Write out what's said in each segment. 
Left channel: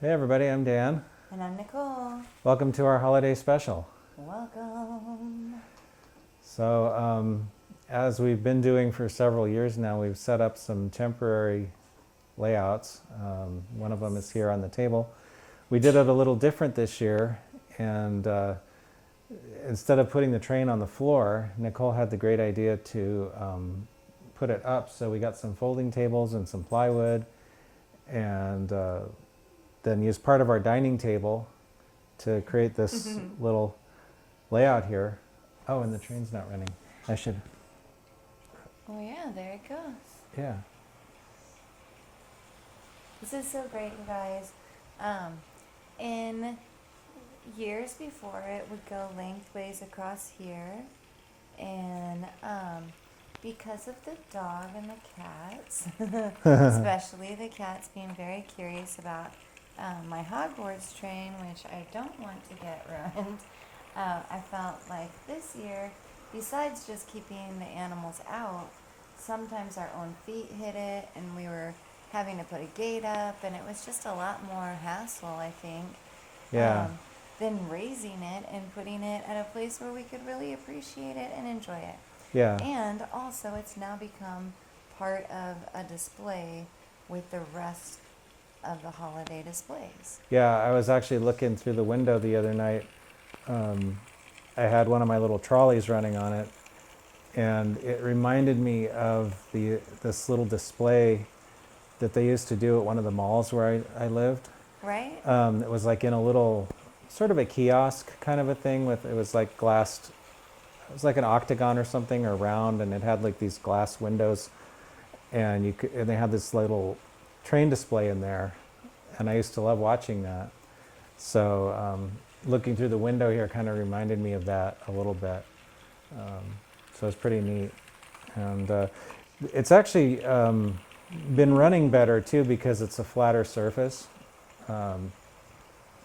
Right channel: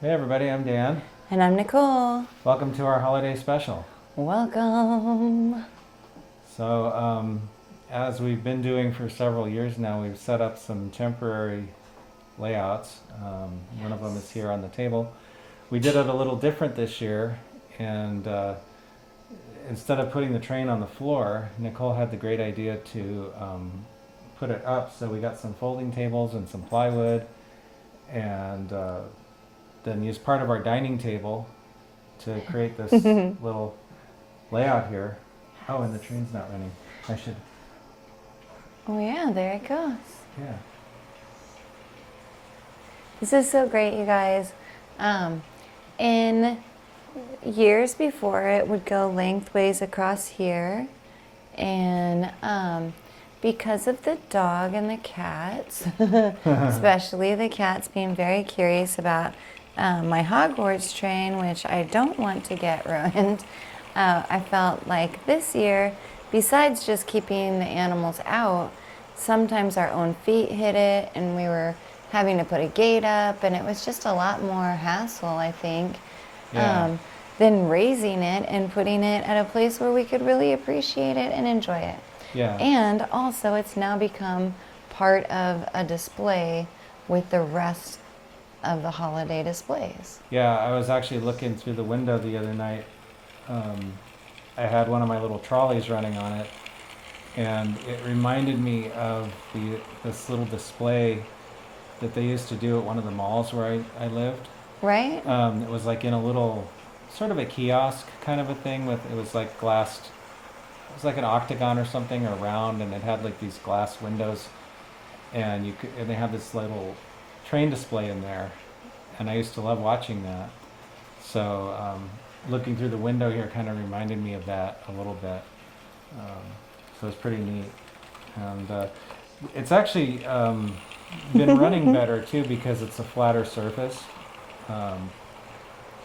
Hey everybody, I'm Dan. And I'm Nicole. Welcome to our holiday special. Welcome. As we've been doing for several years now, we've set up some temporary layouts. One of them is here on the table. We did it a little different this year, and instead of putting the train on the floor, Nicole had the great idea to put it up. So we got some folding tables and some plywood, and then used part of our dining table to create this little layout here. Oh, and the train's not running. I should. Oh yeah, there it goes. Yeah. This is so great, you guys. In years before, it would go lengthways across here, and because of the dog and the cats, especially the cats being very curious about my Hogwarts train, which I don't want to get ruined, I felt like this year, besides just keeping the animals out, sometimes our own feet hit it, and we were having to put a gate up, and it was just a lot more hassle, I think, Yeah. than raising it and putting it at a place where we could really appreciate it and enjoy it. Yeah. And also, it's now become part of a display with the rest of the holiday displays. Yeah, I was actually looking through the window the other night. I had one of my little trolleys running on it, and it reminded me of this little display that they used to do at one of the malls where I lived. Right? It was like in a little, sort of a kiosk kind of a thing it was like glassed, it was like an octagon or something, or round, and it had like these glass windows, and and they had this little train display in there, and I used to love watching that. So looking through the window here kind of reminded me of that a little bit. So it's pretty neat, and it's actually been running better too because it's a flatter surface.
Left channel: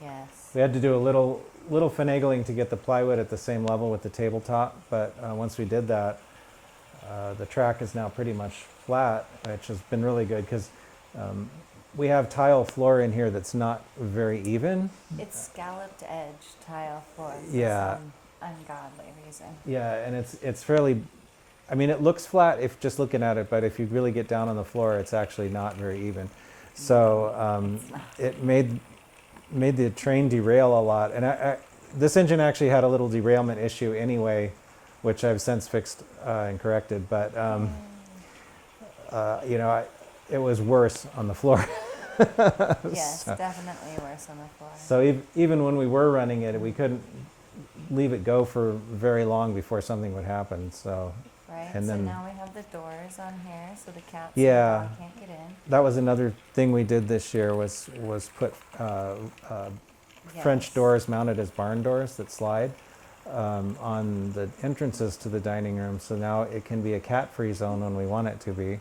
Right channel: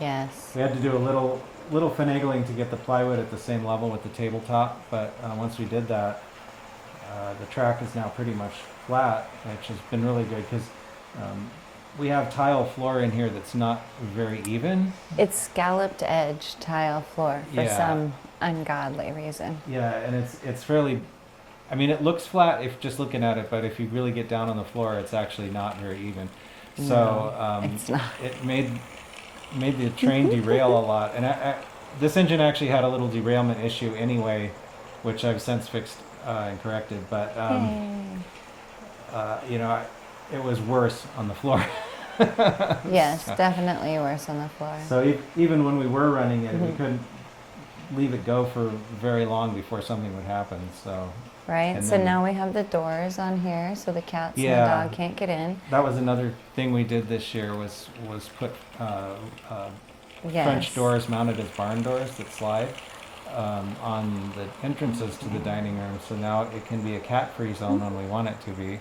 Yes. We had to do a little finagling to get the plywood at the same level with the tabletop, but once we did that, the track is now pretty much flat, which has been really good because we have tile floor in here that's not very even. It's scalloped edge tile floor for Yeah. some ungodly reason. Yeah, and it's fairly, I mean, it looks flat if just looking at it, but if you really get down on the floor, it's actually not very even. So it's not. it made the train derail a lot, and this engine actually had a little derailment issue anyway, which I've since fixed and corrected. But it was worse on the floor. Yes, definitely worse on the floor. So even when we were running it, we couldn't leave it go for very long before something would happen. So Right? and So then- now we have the doors on here so the cats Yeah. and the dog can't get in. that was another thing we did this year was put Yes. French doors mounted as barn doors that slide on the entrances to the dining room. So now it can be a cat-free zone when we want it to be,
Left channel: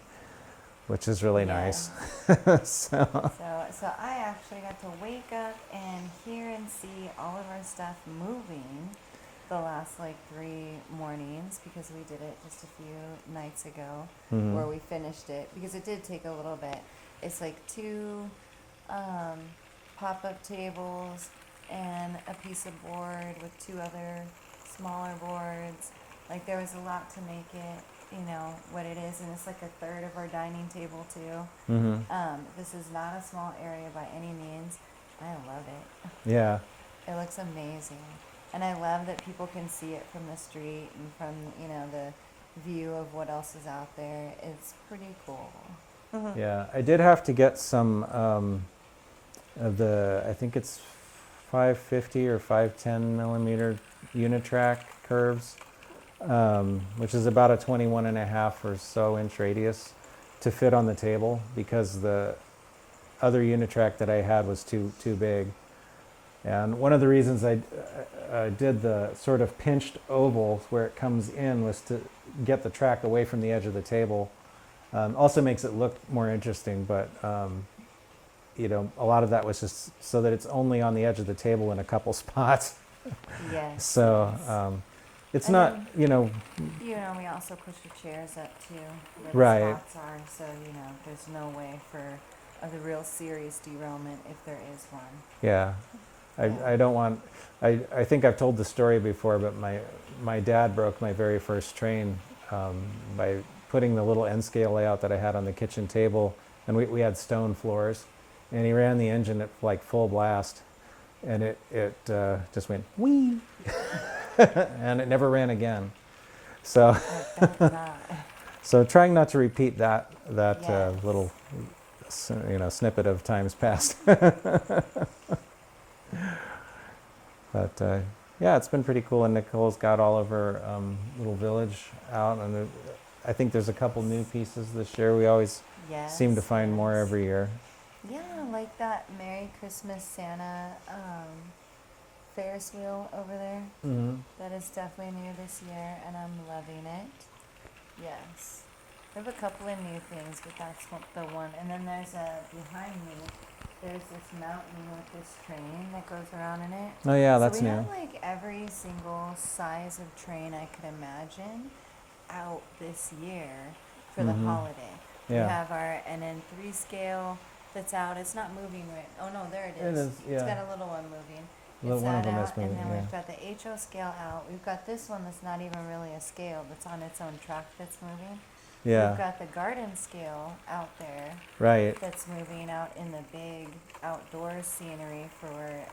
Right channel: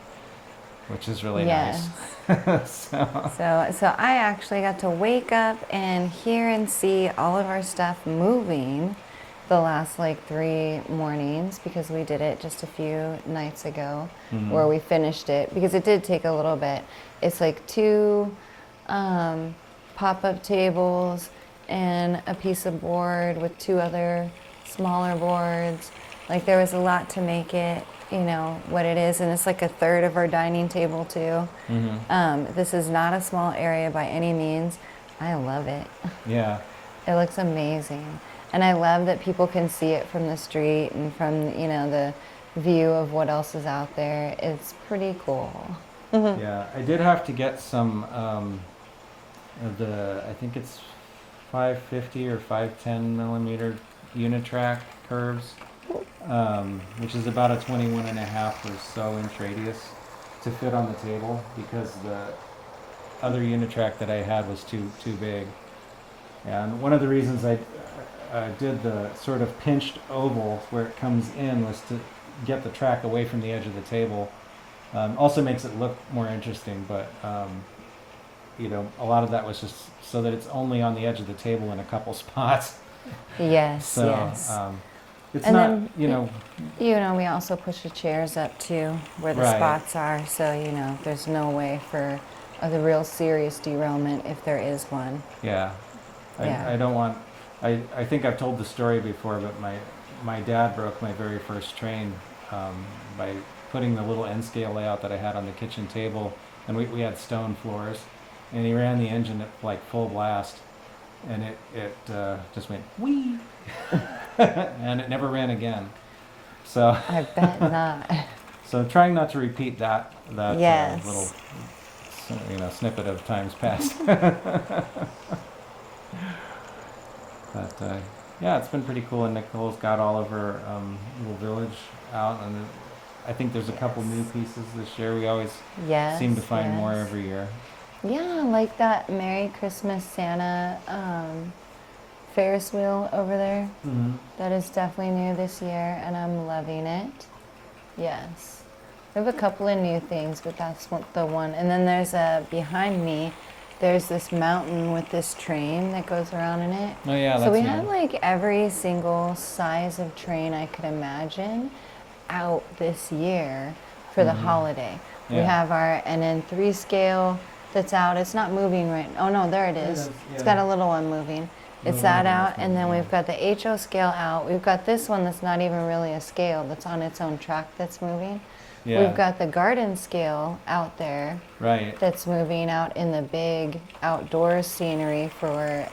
which is really Yes. nice. So I actually got to wake up and hear and see all of our stuff moving the last like 3 mornings because we did it just a few nights ago where we finished it because it did take a little bit. It's like 2 pop-up tables and a piece of board with 2 other smaller boards. Like there was a lot to make it, what it is, and it's like a third of our dining table too. This is not a small area by any means. I love it. Yeah. It looks amazing. And I love that people can see it from the street and from, the view of what else is out there. It's pretty cool. Yeah. I did have to get some of I think it's 550 or 510 millimeter Unitrack curves, which is about a 21 and a half or so inch radius to fit on the table because the other Unitrack that I had was too big. And one of the reasons I did the sort of pinched oval where it comes in was to get the track away from the edge of the table. Also makes it look more interesting, but a lot of that was just so that it's only on the edge of the table in a couple spots. Yes, So yes. it's And not, then, we also push the chairs up too where the Right. spots are, so, there's no way for the real serious derailment if there is one. Yeah. Yeah. I don't want, I think I've told the story before, but my dad broke my very first train by putting the little end scale layout that I had on the kitchen table, and we had stone floors, and he ran the engine at like full blast, and it just went wee, and it never ran again. So I bet not. so trying not to repeat that Yes. little snippet of times past. But yeah, it's been pretty cool, and Nicole's got all of her little village out, and I think there's a couple new pieces this year. We always Yes. seem to find more yes. every year. Yeah, like that Merry Christmas Santa Ferris wheel over there. Mm-hmm. That is definitely new this year, and I'm loving it. Yes. We have a couple of new things, but that's the one. And then there's behind me, there's this mountain with this train that goes around in it. Oh yeah, So that's we new. have like every single size of train I could imagine out this year for the holiday. We Yeah. have our NN3 scale that's out. It's not moving right. Oh no, there it is. is, It's yeah. got a little one moving. It's Little that one is out, and then moving, we've got the HO scale out. We've got this one that's not even really a scale, that's on its own track that's moving. Yeah. We've got the garden scale out there Right. that's moving out in the big outdoor scenery for,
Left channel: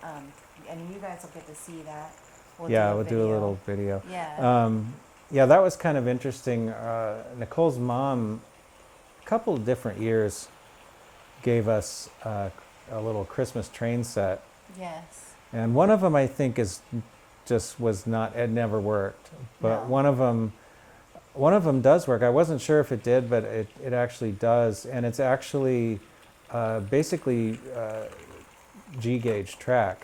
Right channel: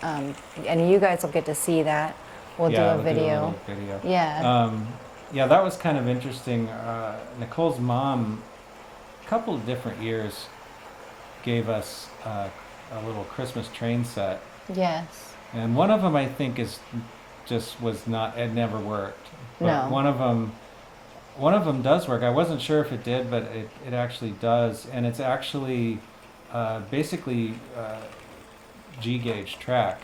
and you guys will get to see that. We'll yeah, do a we'll video. do a little video. Yeah. Yeah, that was kind of interesting. Nicole's mom, a couple of different years, gave us a little Christmas train set, Yes. and one of them I think it never worked. But No. one of them does work. I wasn't sure if it did, but it actually does, and it's actually basically G gauge track.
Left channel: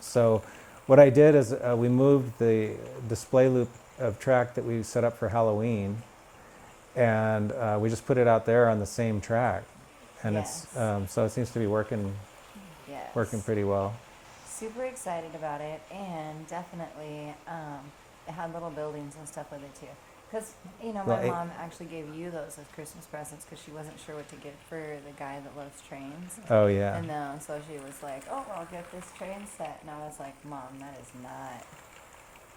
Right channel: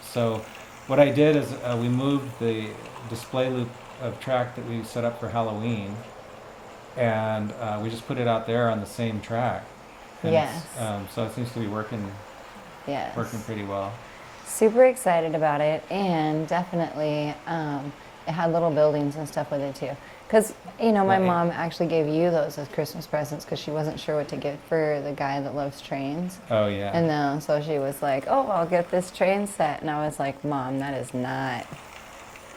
So what I did is we moved the display loop of track that we set up for Halloween, and we just put it out there on the same track. And Yes. so it seems to be working Yes. pretty well. Super excited about it, and definitely it had little buildings and stuff with it too. Because, my Right. mom actually gave you those as Christmas presents because she wasn't sure what to get for the guy that loves trains. Oh yeah. And then, so she was like, oh, I'll get this train set. And I was like, Mom, that is not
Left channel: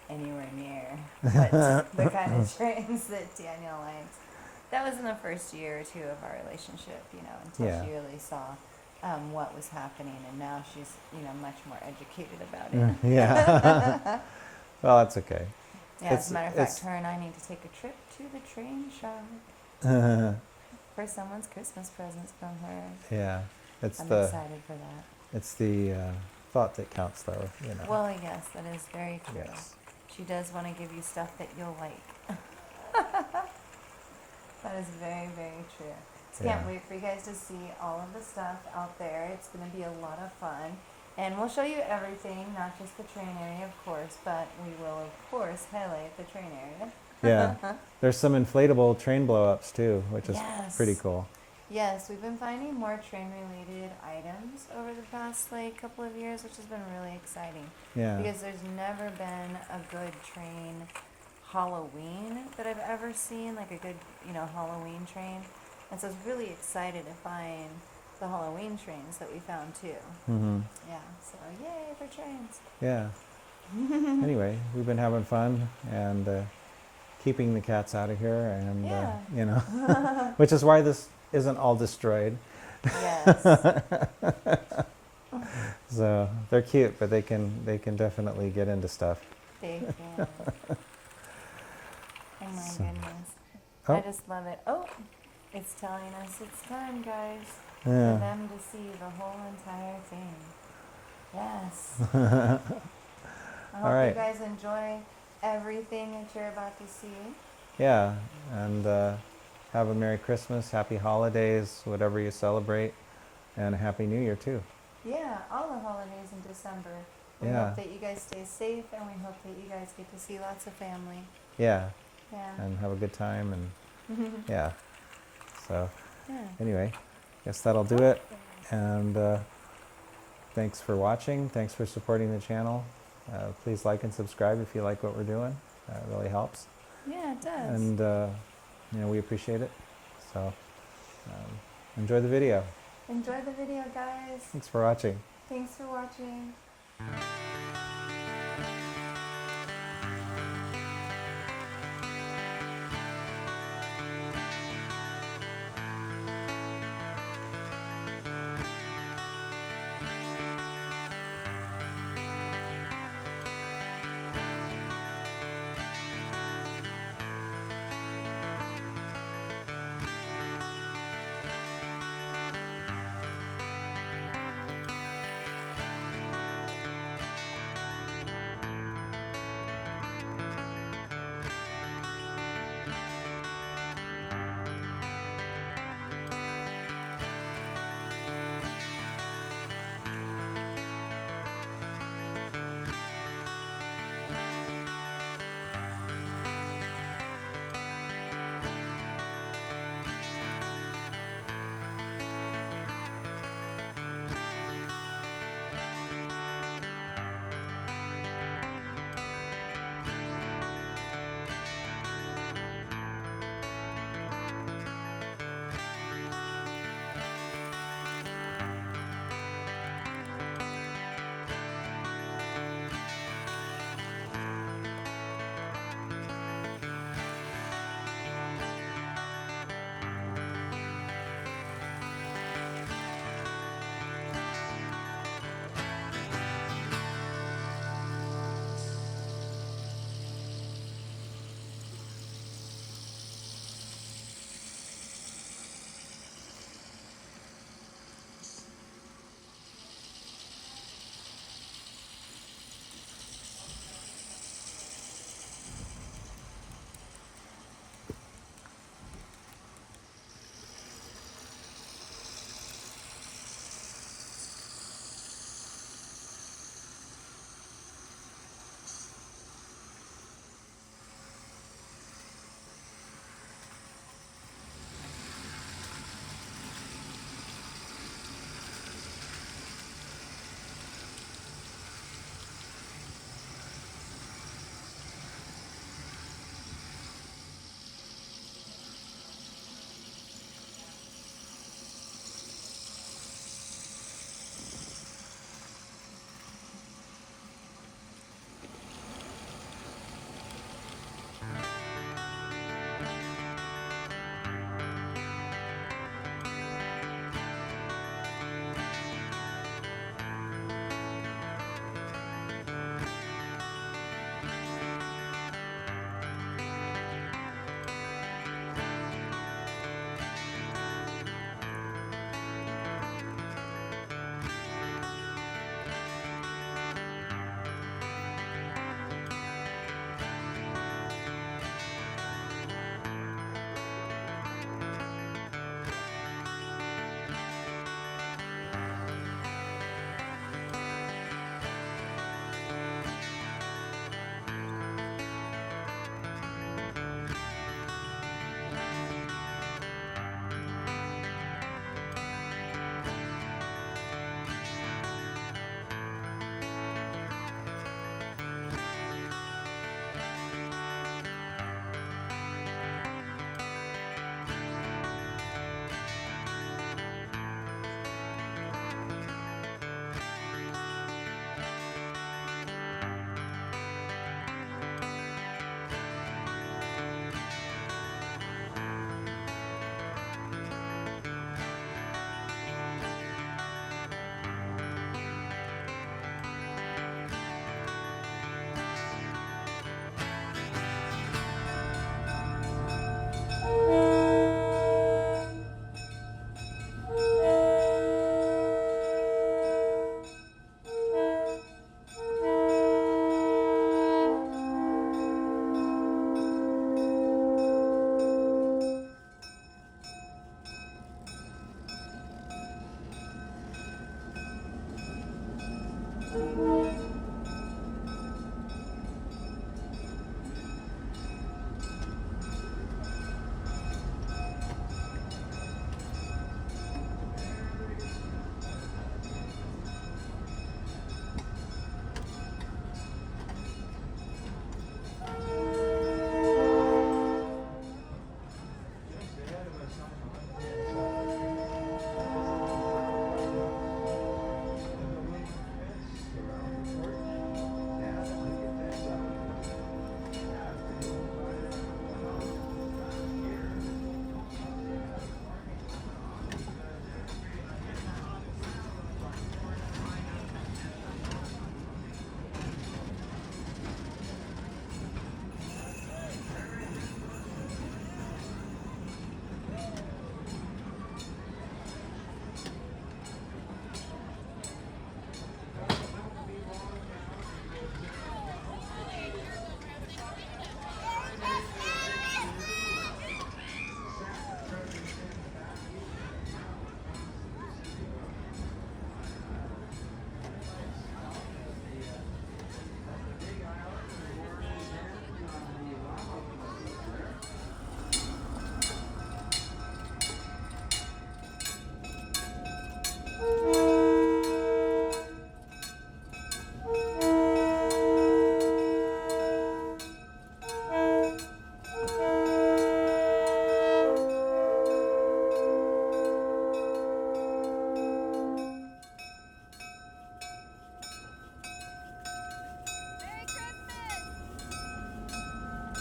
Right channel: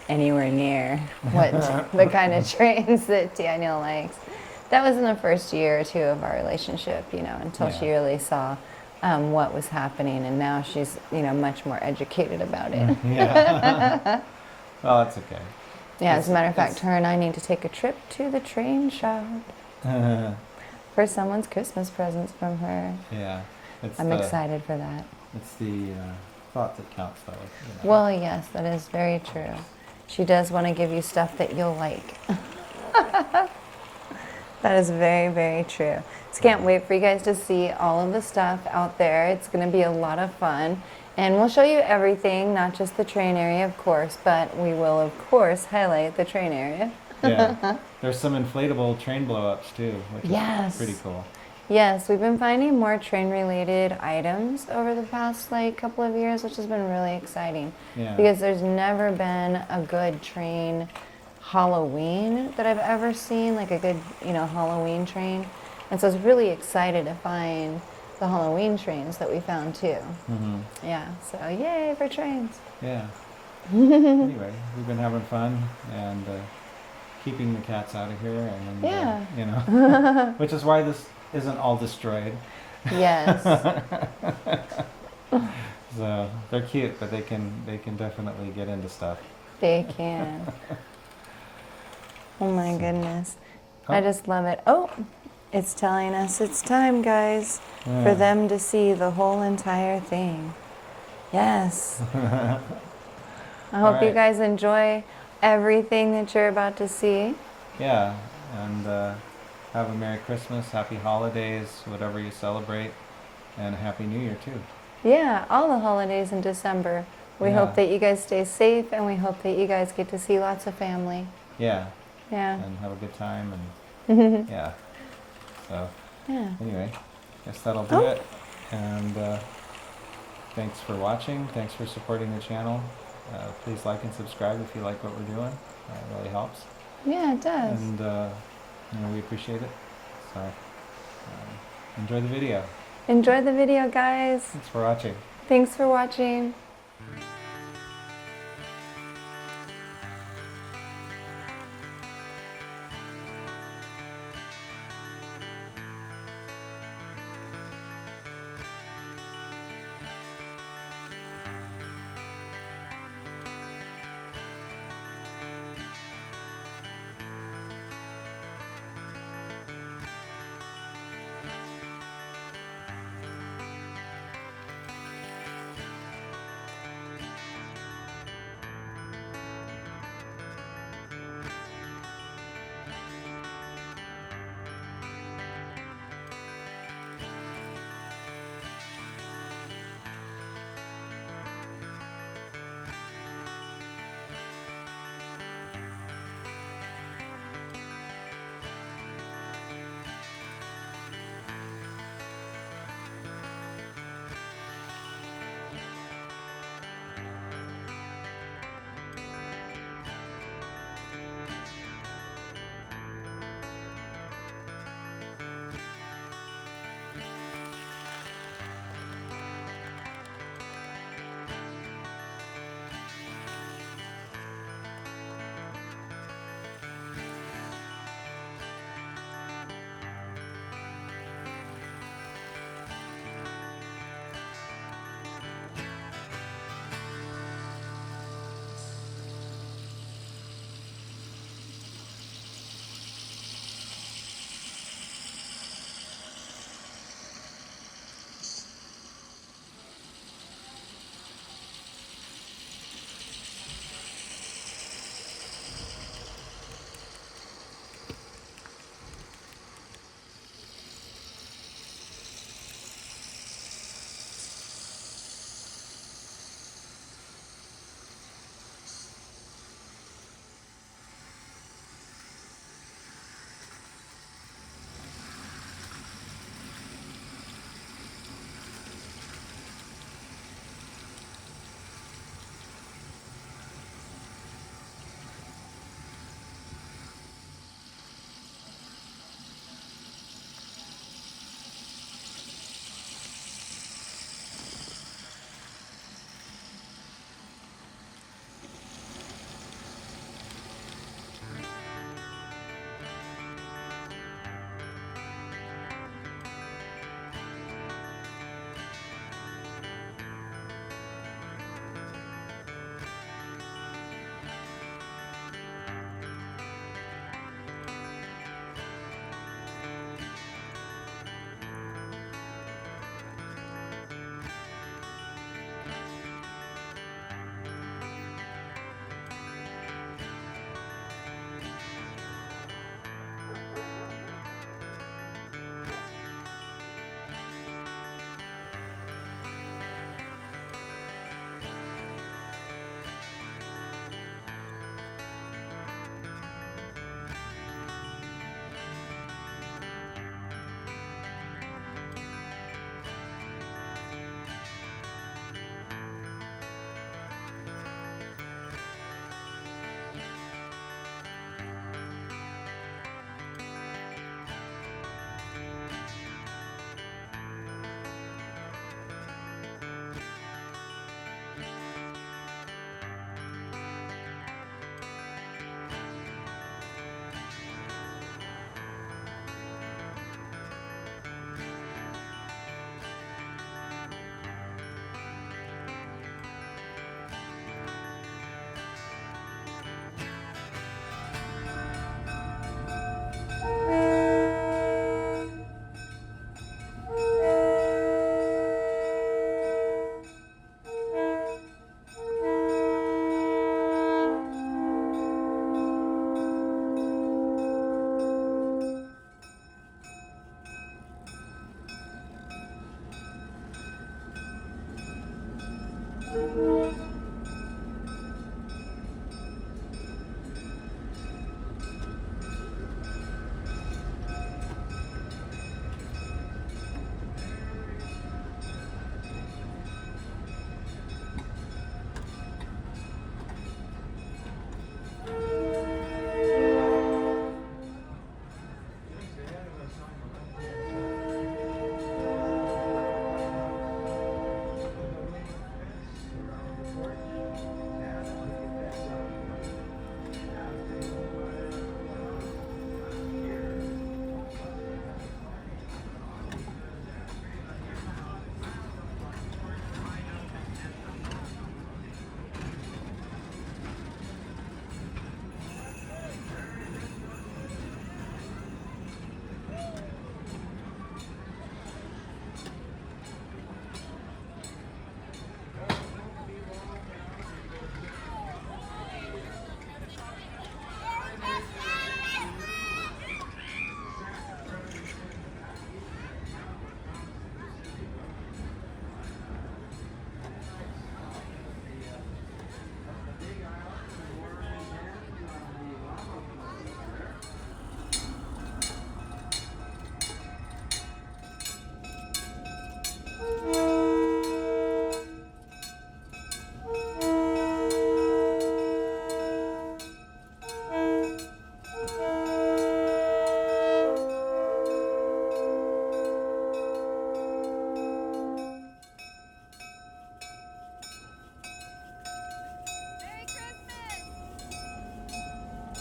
anywhere near what the kind of trains that Daniel likes. That was in the first year or two of our relationship, until Yeah. she really saw what was happening. And now she's, much more educated about it. Yeah. Well, that's okay. Yeah, as a matter of fact, it's- her and I need to take a trip to the train shop for someone's Christmas presents from her. Yeah. It's I'm the excited for that. it's the thought that counts, though. Well, yes, that is very true. Yes. She does want to give you stuff that you'll like. That is very, very true. So can't wait for you guys to see all of the stuff out there. It's going to be a lot of fun. And we'll show you everything, not just the train area, of course, but we will, of course, highlight the train area. Yeah. There's some inflatable train blow-ups, too, which is Yes. pretty cool. Yes, we've been finding more train-related items over the past couple of years, which has been really exciting. Yeah. Because there's never been a good train Halloween that I've ever seen, like a good, Halloween train. And so I was really excited to find the Halloween trains that we found too. Mm-hmm. Yeah, so yay for trains. Yeah. Anyway, we've been having fun and keeping the cats out of here, and Yeah. which is why this isn't all destroyed. Yes. So they're cute, but they can definitely get into stuff. They can. Oh my So- goodness. Oh. I just love it. Oh, it's telling us it's time, guys, Yeah. for them to see the whole entire thing. Yes. I hope you right. guys enjoy everything that you're about to see. Yeah, and have a Merry Christmas, Happy Holidays, whatever you celebrate, and Happy New Year too. Yeah, all the holidays in December. We Yeah. hope that you guys stay safe, and we hope that you guys get to see lots of family. Yeah, Yeah. and have a good time, and yeah. So Yeah. anyway, guess that'll do it. And thanks for watching. Thanks for supporting the channel. Please like and subscribe if you like what we're doing. It really helps. Yeah, it does. And we appreciate it. So enjoy the video. Enjoy the video, guys. Thanks for watching. Thanks for watching.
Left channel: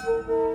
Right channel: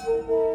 Bye.